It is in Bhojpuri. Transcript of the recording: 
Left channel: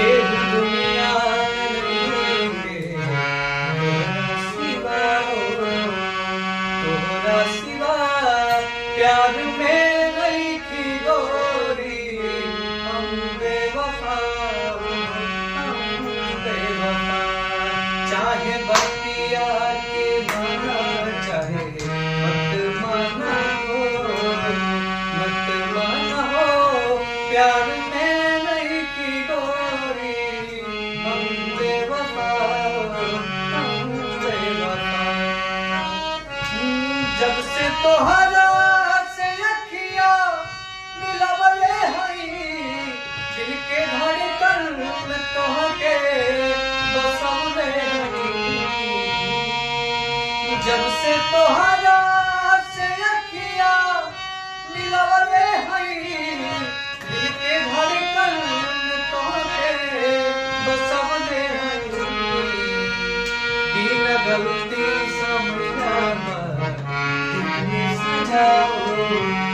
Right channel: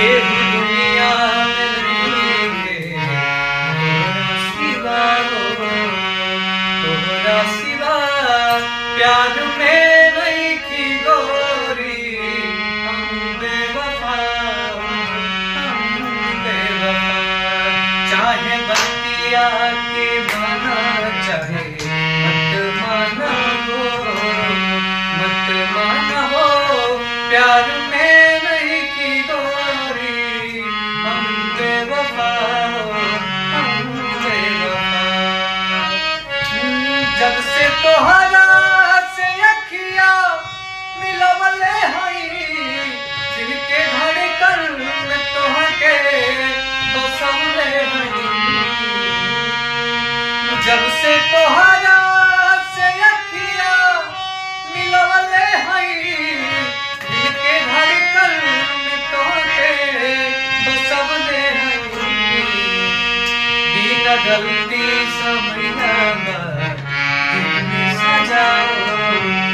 केहू दुनिया में नइखे तोहरा सिवा हो, तोहरा सिवा प्यार में नइखी गोरी, हम बेवफा, हम बेवफा। चाहे बतिया के माना, चाहे मत माना हो, मत माना हो, प्यार में नइखी गोरी, हम बेवफा, हम बेवफा। जब से तोहरा से अखिया मिलवले हई, दिल के धड़कन में तोहके बसवले हई। जब से तोहरा से अखिया मिलवले हई, दिल के धड़कन में तोहके बसवले हई। बिना गलती समझना तुमने सजाओ।